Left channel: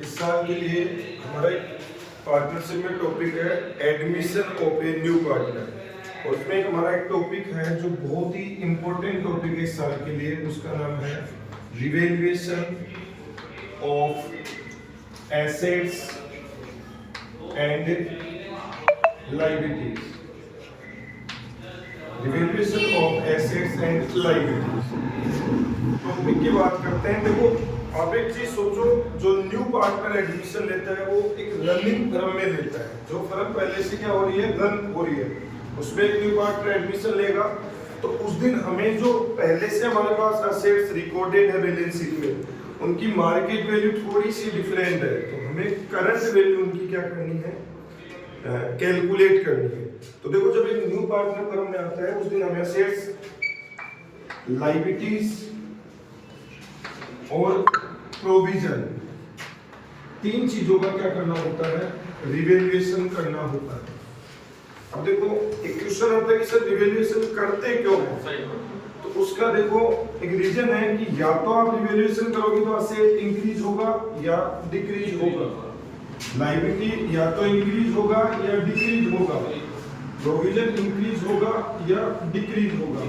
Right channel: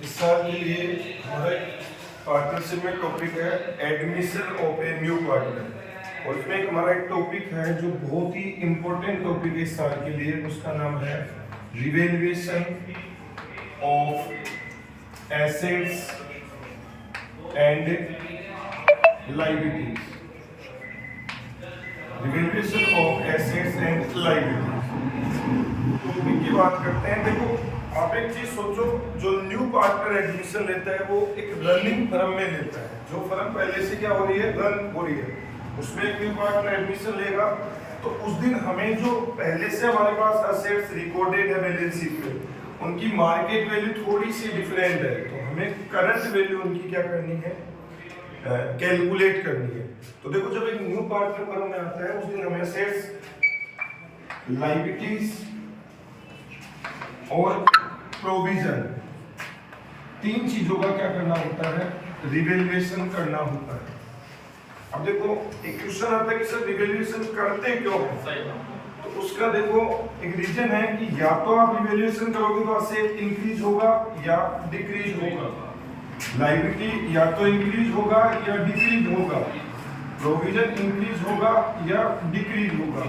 इस साल के लिए हमारा पार्टनरशिप में टॉपिक है admission of a new partner, और इसमें हमारा एक टॉपिक है जो बहुत ही इम्पोर्टेंट टॉपिक है इस साल के लिए। उसका नाम है revaluation of assets and liabilities. Revaluation of assets and liabilities topic की बात करते हैं। देखो, आप एक चीज सोचो, जो न्यू पार्टनर एडमिशन लेता है वो एक रनिंग फर्म में लेता है। जो फर्म पहले से क्या हो रही है, रन हो रही है, उसमें एक न्यू पार्टनर एडमिशन लेगा तो उस दिन हमें जो पहले से हमारे पास असेट्स रिकॉर्डेड है बैलेंस शीट में, उनकी मार्केट वैल्यू थोड़ी सी डिफरेंट है, तो हमें करंट वैल्यू उनकी क्या करनी है, कैलकुलेट करनी है। तो देखो, जब एक न्यू पार्टनर फर्म में आता है उस दिन हमें असेट्स, लायबिलिटीज और प्रोविजन, तीन चीजों का क्या करना होता है, रिवैल्यूएशन करना होता है। अब देखो, एक क्वेश्चन आता है कि सर रिवैल्यूएशन करते क्यों हैं? तो उसका देखो एक रीजन है कि या तो आप रिवैल्यूएशन करोगे तो असेट इंक्रीज होगा या डिक्रीज होगा, लायबिलिटी या तो इंक्रीज होगा या डिक्रीज होगा, प्रोविजन इंक्रीज होगा या डिक्रीज होगा।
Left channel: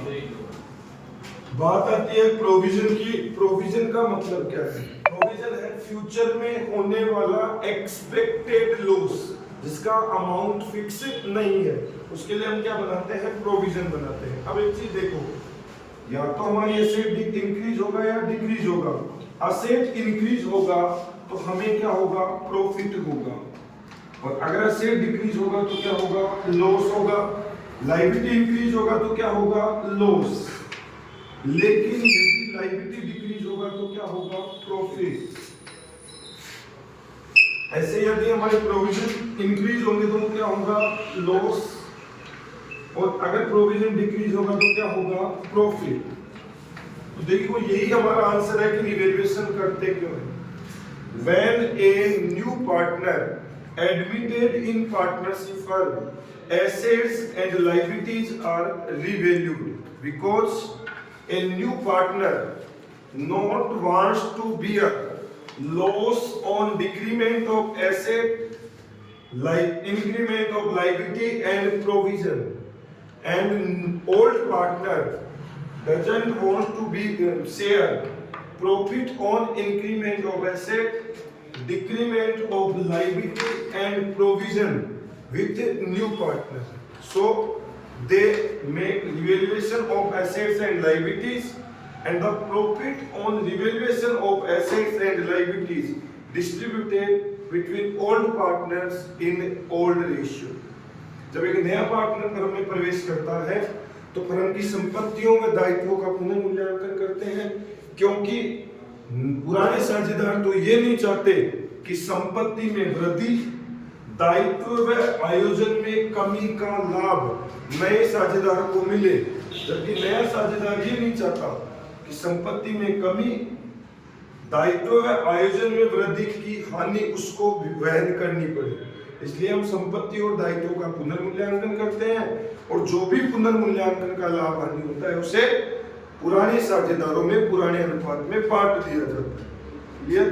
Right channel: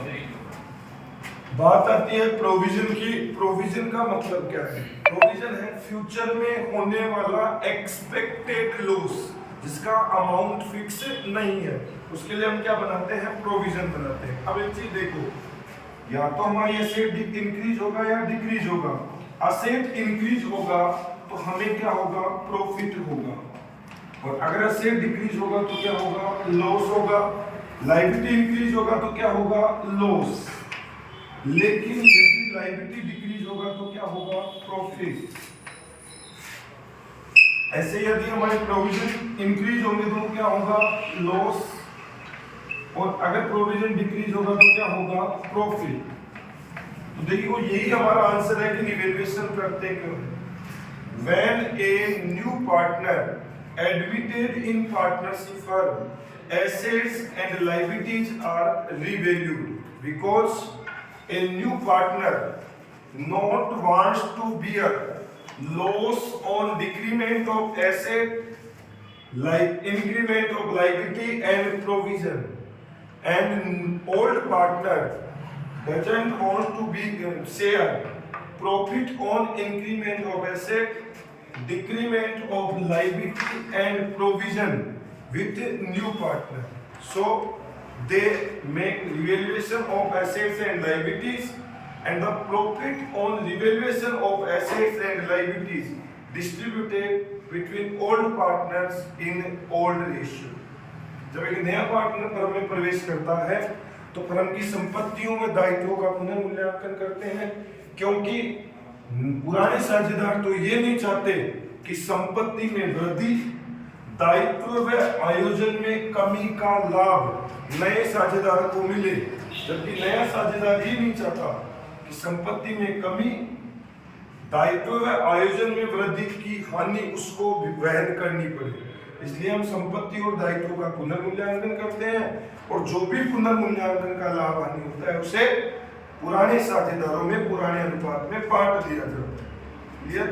बात आती है प्रोविजन की। प्रोविजन का मतलब क्या है? प्रोविजन है फ्यूचर में होने वाला एक्सपेक्टेड लॉस, जिसका अमाउंट फिक्स नहीं है, उसके लिए हम क्या बनाते हैं, प्रोविजन बनाते हैं। अब एक चीज देखो, या तो हमारी एसेट इंक्रीज होगा या डिक्रीज होगा। असेट इंक्रीज होगा तो हमें क्या होगा, प्रॉफिट होगा, और अगर असेट डिक्रीज होगा तो क्या होगा, लॉस होगा। लायबिलिटी इंक्रीज होगा तो क्या होगा, लॉस। लेकिन यदि लायबिलिटी डिक्रीज होगा तो क्या होगा, प्रॉफिट। ऐसे यदि हमारे प्रोविजन इंक्रीज होंगे तो क्या होगा, लॉस, और अगर प्रोविजन डिक्रीज होगा तो क्या होगा, प्रॉफिट। तो देखिए, यही हमारा आंसर है कि रिवैल्यूएशन करते क्यों हैं। When a new partner admitted in partnership firm, assets and liabilities are revalued because a new partner not wants to bear loss on decrement of asset, increment of liability and provision, and old partner doesn't want to be share profit on increment of asset, decrement of liability and provision with new partner. So they make revaluation of assets and liabilities, and the profit on revaluation of assets and liabilities distributed between old partners in old ratio. जब एक नया partner firm में प्रवेश करता है तो firm की संपत्तियों में दायित्वों का पुनर्मूल्यांकन करते हैं, क्योंकि पुराने साझेदार तो ये नहीं चाहते कि संपत्ति में वृद्धि, दायित्व व आयोजन में कमी का लाभ नए साझेदार को मिले, जबकि नया साझेदार ये नहीं चाहता कि संपत्ति में कमी, दायित्व व आयोजन में वृद्धि की हानि उसको वहन करनी पड़े। इसलिए हम संपत्ति और दायित्वों का पुनर्मूल्यांकन करते हैं, और जो भी पुनर्मूल्यांकन का लाभ हानि होता है उसे पुराने साझेदारों में पुराने अनुपात में बांट दिया जाता है। क्लियर?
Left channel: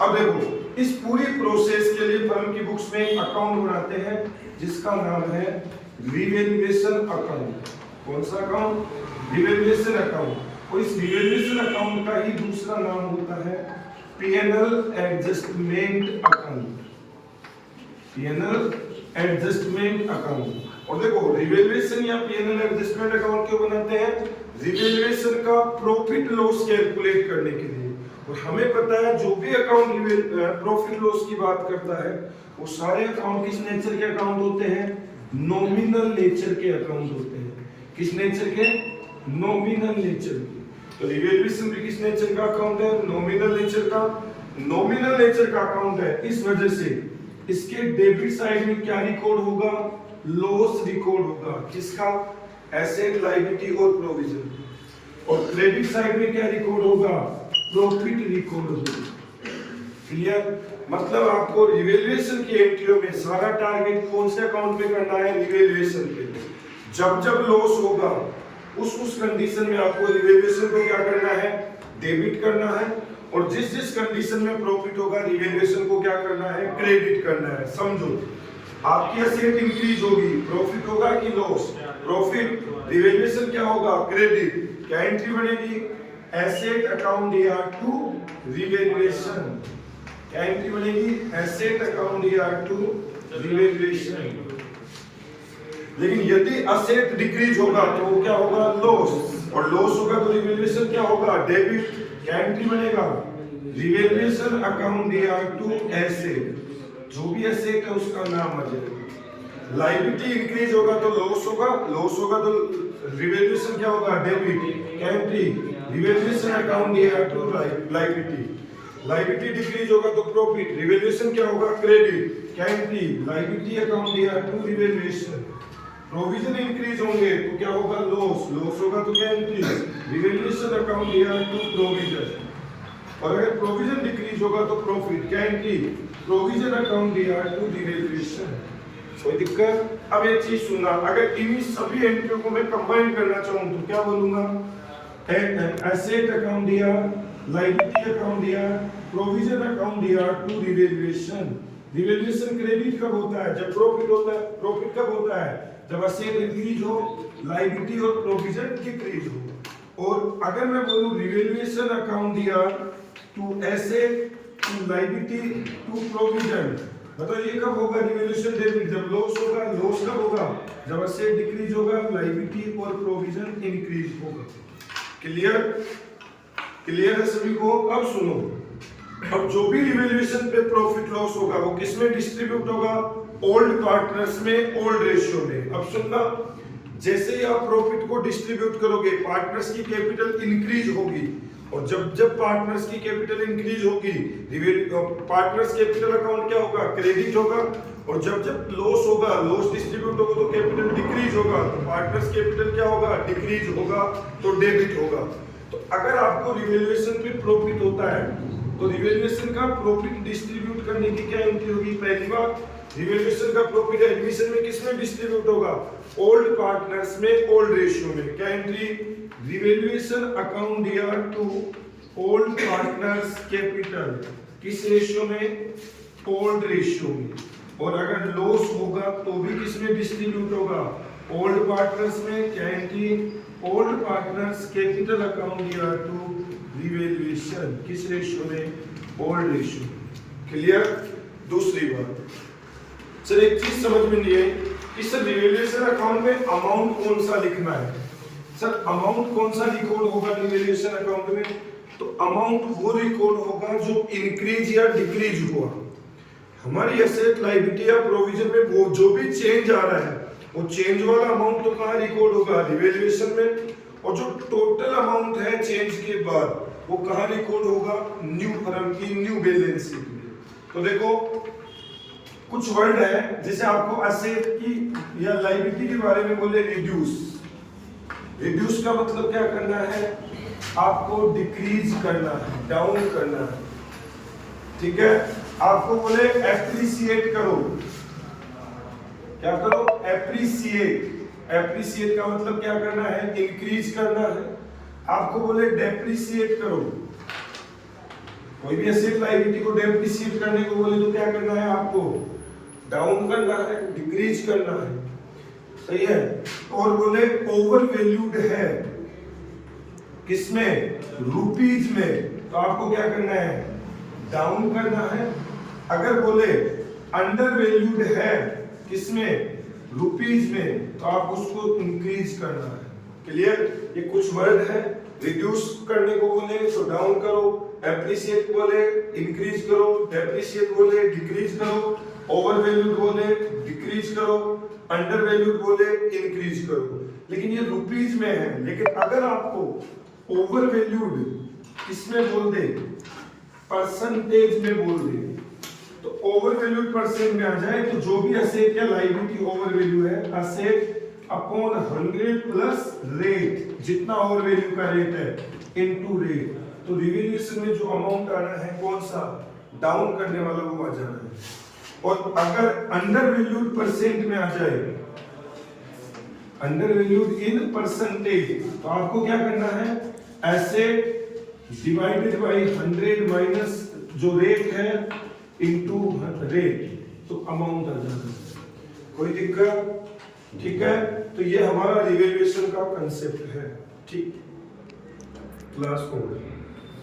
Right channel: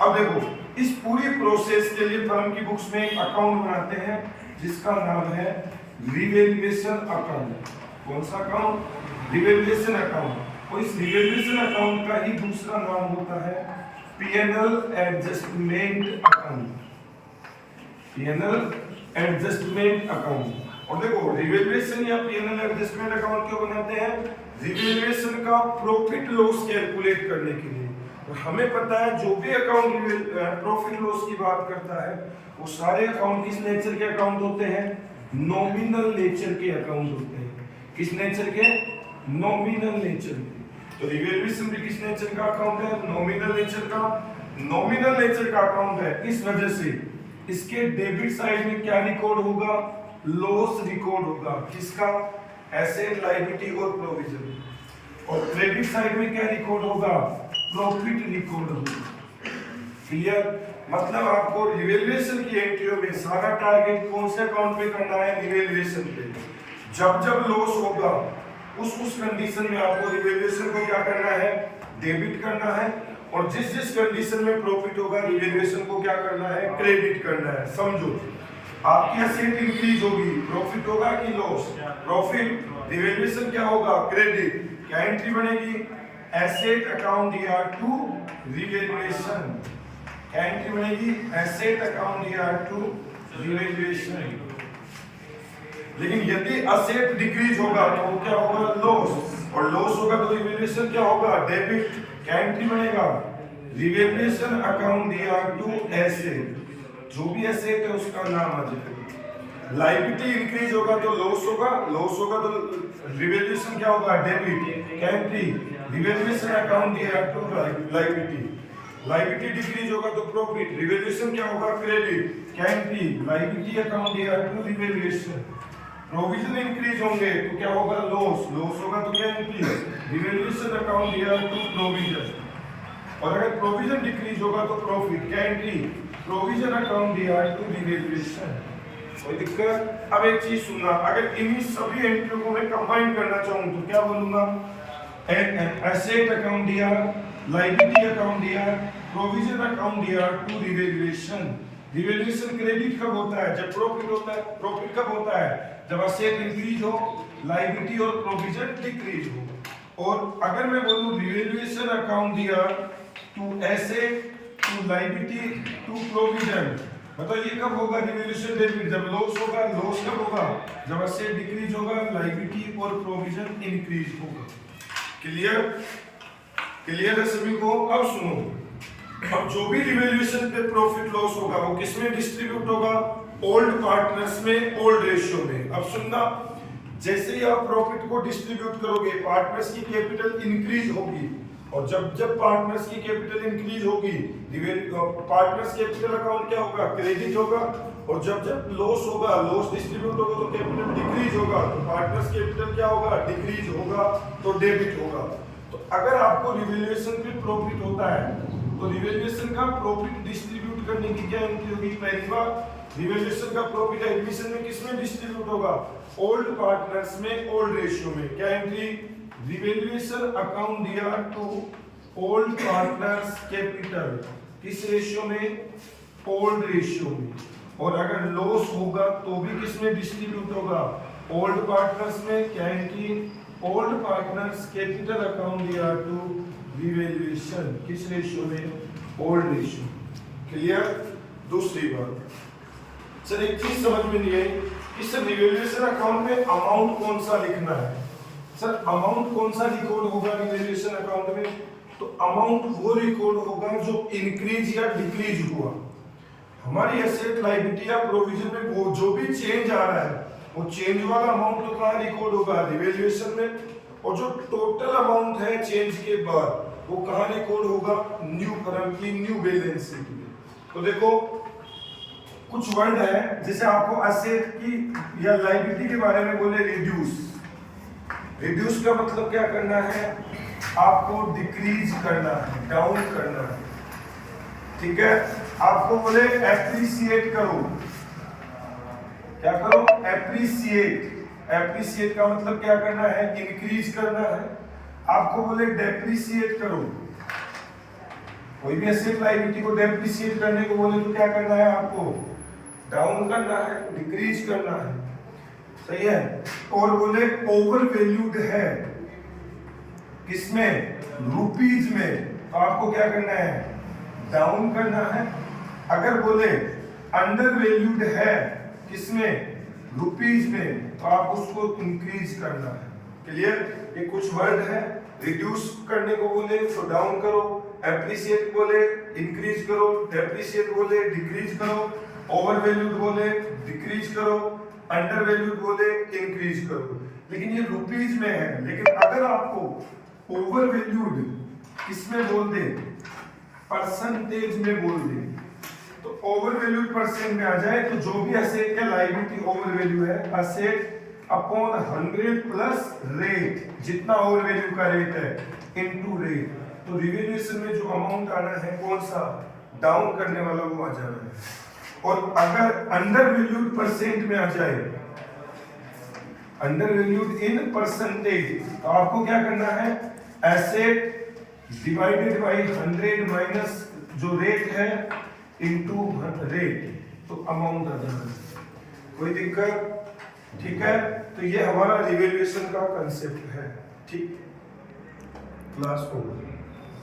अब देखो, इस पूरी प्रोसेस के लिए फर्म की बुक्स में एक अकाउंट बनाते हैं जिसका नाम है रिवैल्यूएशन अकाउंट। कौन सा अकाउंट? Revaluation account. और इस रिवैल्यूएशन अकाउंट का ही दूसरा नाम होता है PNL adjustment account. PNL adjustment account. और देखो, रिवैल्यूएशन या पीएनएल एडजस्टमेंट अकाउंट क्यों बनाते हैं? रिवैल्यूएशन का प्रॉफिट लॉस कैलकुलेट करने के लिए। और हमें पता है जो भी अकाउंट प्रॉफिट लॉस की बात करता है वो सारे अकाउंट किस नेचर के अकाउंट होते हैं, नॉमिनल नेचर के अकाउंट होते हैं। किस नेचर के? नॉमिनल नेचर के। तो रिवैल्यूएशन भी किस नेचर का अकाउंट है, नॉमिनल नेचर का। नॉमिनल नेचर का अकाउंट है, इस वजह से इसके डेबिट साइड में क्या रिकॉर्ड होगा, लॉस रिकॉर्ड होगा। किसका? एसेट, लायबिलिटी और प्रोविजन। और क्रेडिट साइड में क्या रिकॉर्ड होगा, प्रॉफिट रिकॉर्ड होगा। क्लियर? मतलब आपको रिवैल्यूएशन की एंट्रियों में सारा टारगेट कौन से अकाउंट पे करना है, रिवैल्यूएशन पे। जब जब लॉस होगा उस कंडीशन में आपको रिवैल्यूएशन को क्या करना है, डेबिट करना है, और जिस जिस कंडीशन में प्रॉफिट होगा रिवैल्यूएशन को क्या करना है, क्रेडिट करना है। समझो, आपकी एसेट इंक्रीज होगी, प्रॉफिट होगा कि लॉस, प्रॉफिट, रिवैल्यूएशन क्या होगा, क्रेडिट, क्या एंट्री बनेगी, asset account ER to revaluation, क्या एंट्री बनेगी, asset account ER to revaluation. लेकिन यदि एसेट डिक्रीज होगा तो क्या होगा, लॉस, और लॉस होगा तो रिवैल्यूएशन क्या होगा, डेबिट, क्या एंट्री बनेगा, revaluation account ER to asset, जो भी एसेट है उसका नाम आ जाएगा। लायबिलिटी इंक्रीज होगा तो लॉस होगा, लॉस होगा तो रिवैल्यूएशन क्या होगा, डेबिट, क्या entry, revaluation account ER to liability. Liability decrease होगा तो प्रॉफिट, रिवैल्यूएशन क्या होगा, क्रेडिट, क्या entry, liability account ER to revaluation. Provision increase होंगे तो क्या होगा, लॉस, लॉस होगा तो क्या entry, revaluation account ER to provision. और अगर प्रोविजन डिक्रीज होगा तो प्रॉफिट, क्या entry, provision account ER to revaluation. कोई दिक्कत? अब एक चीज सुनना, अगर इन सभी एंट्रियों को मैं कंबाइन करना चाहूं तो क्या बोलूंगा, asset account ER, liability account ER, provision account ER to revaluation. Revaluation credit कब होता है, जब प्रॉफिट होता है, प्रॉफिट कब होता है, जब एसेट इंक्रीज हो, लायबिलिटी और प्रोविजन डिक्रीज हो। और अगर मैं बोलूं revaluation account ER to asset to liability to provision, बताओ ये कब होगा, रिवैल्यूएशन डेबिट, जब लॉस होगा, लॉस कब होगा, जब एसेट डिक्रीज होगा, लायबिलिटी और प्रोविजन इंक्रीज होगा। क्लियर? क्लियर है सभी को? अब सुनो, अब जो भी रिवैल्यूएशन पे प्रॉफिट लॉस होगा वो किसमें डिस्ट्रीब्यूट होगा, ओल्ड पार्टनर्स में, ओल्ड रेशियो में। अब सुनना, जैसे ही आप प्रॉफिट को डिस्ट्रीब्यूट करोगे पार्टनर्स की कैपिटल इंक्रीज होगी, और जब जब पार्टनर्स की कैपिटल इंक्रीज होगी पार्टनर्स कैपिटल अकाउंट क्या होगा, क्रेडिट होगा, और जब जब लॉस होगा, लॉस डिस्ट्रीब्यूट होगा तो कैपिटल डिक्रीज होगा, तो पार्टनर्स कैपिटल क्या होगा, डिक्रीज होगा, तो डेबिट होगा। तो अगर आपको रिवैल्यूएशन पे प्रॉफिट होता है तो रिवैल्यूएशन का प्रॉफिट डिस्ट्रीब्यूट करने की क्या एंट्री होगी, पहली बार रिवैल्यूएशन का प्रॉफिट एडमिशन में किसमें डिस्ट्रीब्यूट होगा, ओल्ड पार्टनर्स में, ओल्ड रेशियो में, क्या entry, revaluation account ER to old partners capital, किस रेशियो में, ओल्ड रेशियो में। और अगर लॉस होगा तो भी किसमें डिस्ट्रीब्यूट होगा, ओल्ड पार्टनर्स में, क्या entry, old partners capital account ER to revaluation, किस रेशियो में, ओल्ड रेशियो। क्लियर? दूसरी बात, सर एक चीज समझ में नहीं है कि सर रिवैल्यूएशन अकाउंट में अमाउंट कौन सा लिखना है, सर अमाउंट कौन सा रिकॉर्ड होगा रिवैल्यूएशन अकाउंट में, तो अमाउंट वो रिकॉर्ड होगा जो इंक्रीज या डिक्रीज हुआ। हमारी एसेट, लायबिलिटी या प्रोविजन में वो जो भी चेंज आ रहा है वो चेंज वाला अमाउंट तो कहाँ रिकॉर्ड होगा, रिवैल्यूएशन में, और जो टोटल अमाउंट है चेंज के बाद वो कहाँ रिकॉर्ड होगा, न्यू फर्म की न्यू बैलेंस शीट में। तो देखो कुछ वर्ड है, जैसे आपको एसेट की या लायबिलिटी के बारे में बोले रिड्यूस, रिड्यूस का मतलब क्या करना है, आपको डिक्रीज करना है, डाउन करना है, ठीक है। आपको बोले एप्रिसिएट करो, क्या करो, एप्रिसिएट, एप्रिसिएट का मतलब क्या करना है, इंक्रीज करना है। आपको बोले डेप्रिसिएट करो, कोई भी एसेट लायबिलिटी को डेप्रिसिएट करने को बोले तो क्या करना है, आपको डाउन करना है, डिक्रीज करना है, सही है। और बोले ओवर वैल्यूड है, किसमें, रुपीज में, तो आपको क्या करना है, डाउन करना है। अगर बोले अंडर वैल्यूड है, किसमें, रुपीज में, तो आप उसको इंक्रीज करना है। क्लियर? ये कुछ वर्ड है, रिड्यूस करने को बोले तो डाउन करो, एप्रिसिएट बोले इंक्रीज करो, डेप्रिसिएट बोले डिक्रीज करो, ओवर वैल्यूड बोले डिक्रीज करो, अंडर वैल्यूड बोले इंक्रीज करो। लेकिन ये रुपीज में है, लेकिन अगर आपको ओवर वैल्यूड किसमें बोल दे, परसेंटेज में बोल दे, तो ओवर वैल्यूड परसेंट में आ जाए तो जो भी एसेट का लायबिलिटी ओवर वैल्यू है, एसेट अपॉन 100 प्लस रेट, जितना ओवर वैल्यू का रेट है इनटू रेट, तो रिवैल्यूएशन में जो अमाउंट आना है कौन सा, डाउन करने वाला वो आ जाना है। और अगर अंडर वैल्यूड परसेंट में आ जाए, अंडर वैल्यूड इन परसेंटेज, तो आपको क्या करना है, एसेट डिवाइडेड बाई 100 माइनस जो रेट है इनटू रेट, तो अमाउंट आ जाएगा। कोई दिक्कत? ठीक है, तो ये हमारा रिवैल्यूएशन का कंसेप्ट है। ठीक, लास्ट पॉइंट